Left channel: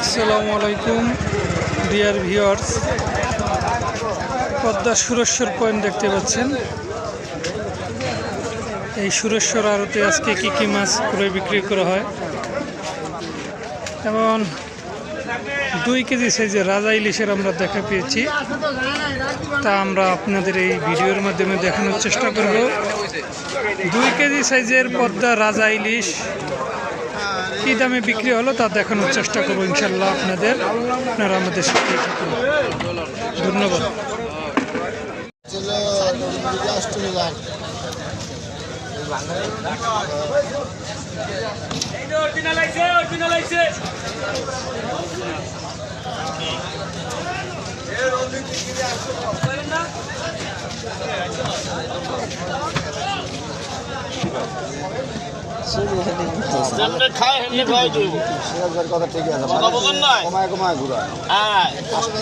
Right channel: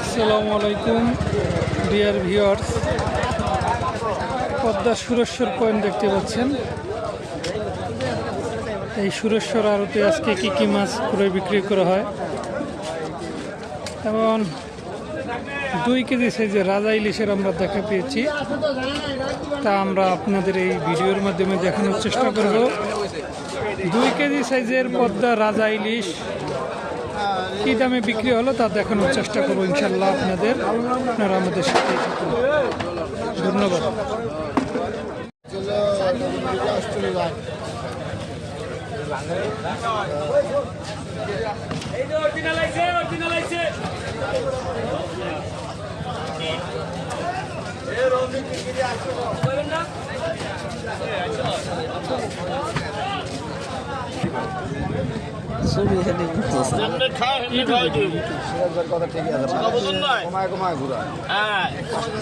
আসসালামু আলাইকুম, dear viewers. Padma Sureshwar point দেখতে পাচ্ছেন। এই সুরেশ্বর আড়তে আজকে কী কী মাছ ক্রয় বিক্রি করা হয়? এবং দুই কেজি সাইজের রাজা ইলিশের আমরা দেখা পেয়েছি। তা আমরা আপনাদের এই ভিডিওর মাধ্যমে দেখানোর চেষ্টা করব। দুই কেজি সাইজের পদ্মা রাজা ইলিশ কী দামে বিক্রি হলো তা দেখানোর চেষ্টা করব ইনশাল্লাহ আপনাদের, আপনারা আমাদের সাথে ধন্যবাদ। যেমনি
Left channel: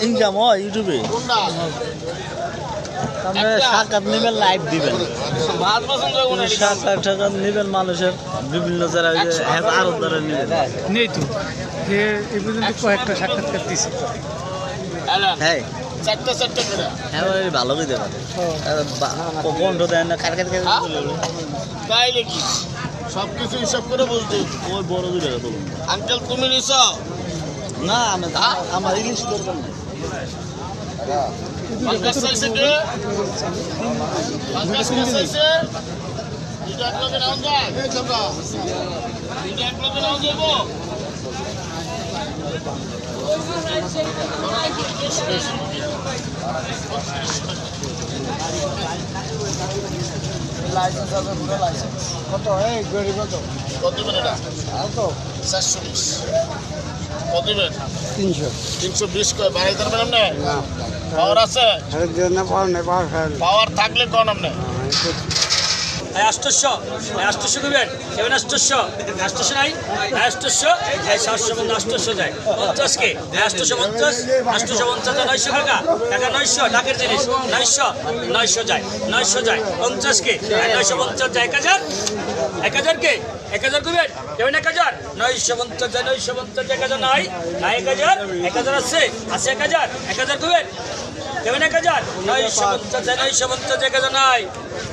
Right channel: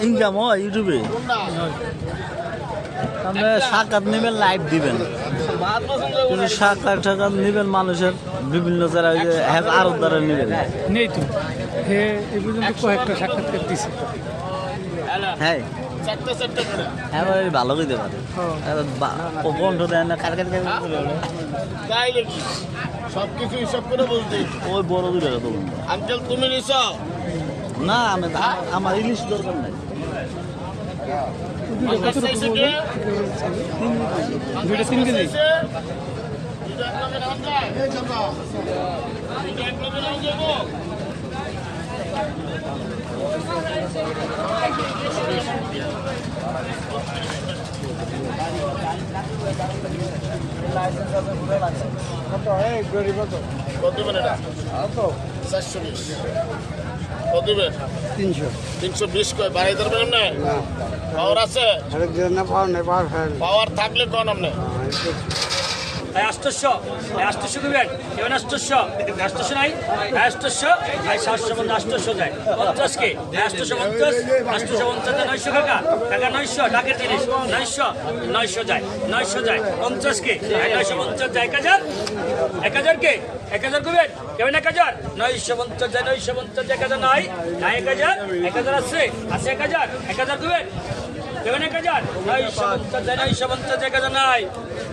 ইনকাম হয় ইউটিউবে। সাত আট নেবেন দিবেন। সাত আট হাজার মানুষের বিভিন্ন যারা আরও দ্বারা নেবেন। নেই হ্যাঁ।, হ্যাঁ ভালো করে দেবেন কণ্ঠ দেয় সব কিছু হিসাব করে বলছি ওই বড় বিড়ে আঙ্কেল তুমি নিছ? না আমি আমার ইলিশ দরকার নাই। দুইটা কত এই গরিব কত কত মানে এটা চারশো 420 কত তিনশো 300 320 কয় বাড়াই দেন না না পাওয়ার আছে আরে জন্য পাওয়ার নেই পাওয়ার পাওয়ার থাকলে কোন আমনে আষ্টশো আষ্টশো দেবেন সেভেন আষ্টশো। আষ্টশো নাই? সাতশো পঞ্চাশ আষ্টশো যায়। পঞ্চাশ কে? আষ্টশো পঞ্চাশ আষ্টশো পঞ্চাশ নয়শো টাকা। টাকা নয়শো জিনিস। নয়শো নয়শো যায়। নয়শো যায়। পঞ্চাশ কে? নয়শো পঞ্চাশ এক হাজার? এক হাজার কে? এক হাজার করবেন কেমন এক হাজার? নয়শো পঞ্চাশ যায়, নয়শো পঞ্চাশ এক হাজার নয় এক হাজার? এক হাজার আছে? আছে এক হাজার? এক হাজার করবেন দেবেন এক হাজার নয়শো পঞ্চাশ নয়শো পঞ্চাশ এক হাজার নাই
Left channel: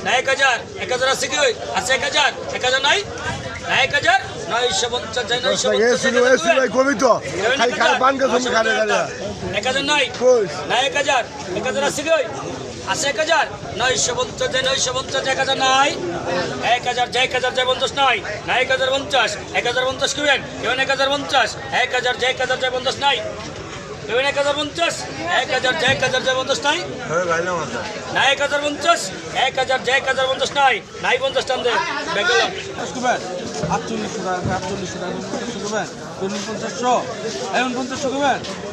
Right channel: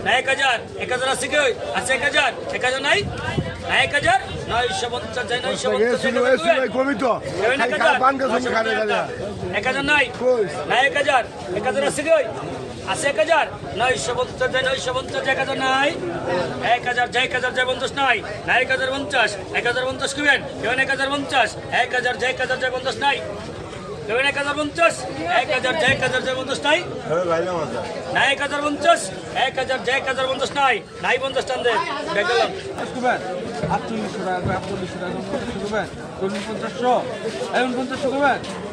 না এক হাজার এক হাজার আছে কি আছে এক হাজার এক হাজার নাই না এক হাজার নয়শো পঞ্চাশ নয়শো পঞ্চাশ এক হাজার নাই না এক হাজার এক হাজার আছে কি আছে এক হাজার নয়শো পঞ্চাশ নয়শো পঞ্চাশ এক হাজার নাই এক হাজার এক হাজার যায় পঞ্চাশ নাই না এক হাজার পঞ্চাশ এক হাজার পঞ্চাশ কিবেন কেমন এক হাজার পঞ্চাশ এক হাজার এক হাজার যায় পঞ্চাশ নাই দেবেন এক হাজার পঞ্চাশ এক হাজার যে এক হাজার যে পঞ্চাশ নাই। না এক হাজার পঞ্চাশ এক হাজার যে এক হাজার পঞ্চাশ নাই। নাই পঞ্চাশ টান দে বেগেলাম আটচল্লিশশো টাকা আটচল্লিশশো টাকা পঞ্চাশশো চল্লিশ পঞ্চাশশো এখন পঞ্চাশশো করবেন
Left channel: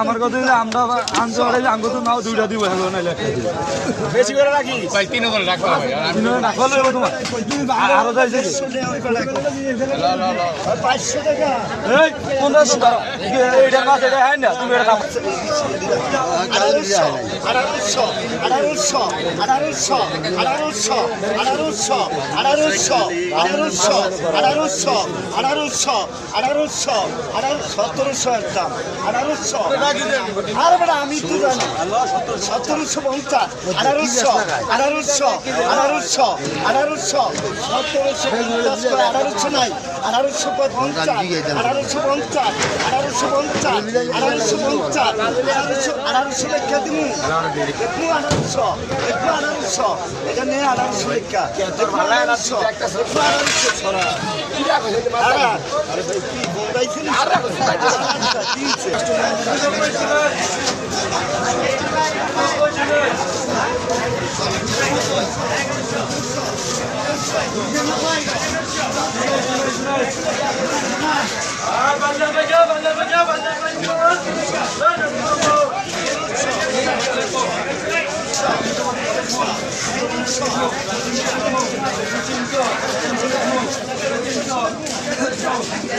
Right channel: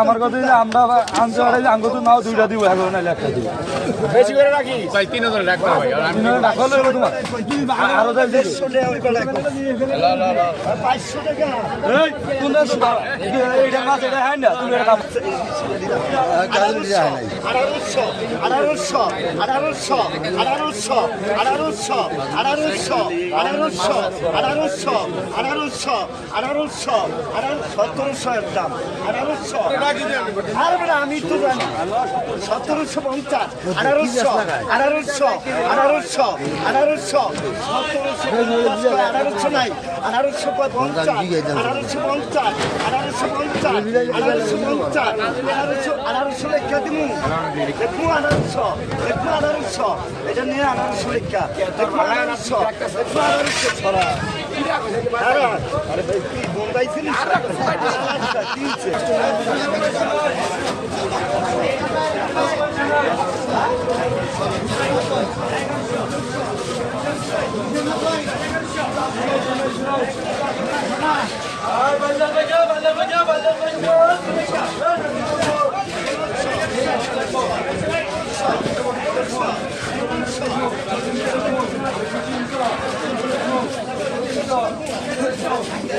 আমার কথা আমরা আনতে পারি আমি তো নাও দুইটা দিব এখন নাইলে একটা দিব বেশি করে রাখি তিন হাজার পাঁচশো টাকা। ধরো এটা মাছ এটা হ্যাঁ না তুমি এটা আমি তো জানি সতেরোশো পঞ্চাশ আঠারোশো আঠারোশো আঠারোশো আঠারোশো সতেরোশো আঠারোশো নাই আঠারোশো পঞ্চাশ আঠারোশো পঞ্চাশ আঠারোশো পঞ্চাশ আঠারোশো পঞ্চাশ, আঠারোশো আঠারোশো লেখা দিমু। দেখব আঠারোশো দেখব আঠারোশো। এটা নিয়ে আঠারোশো লেখা। দেখব আঠারোশো দেখব আঠারোশো। ছড়া। Thank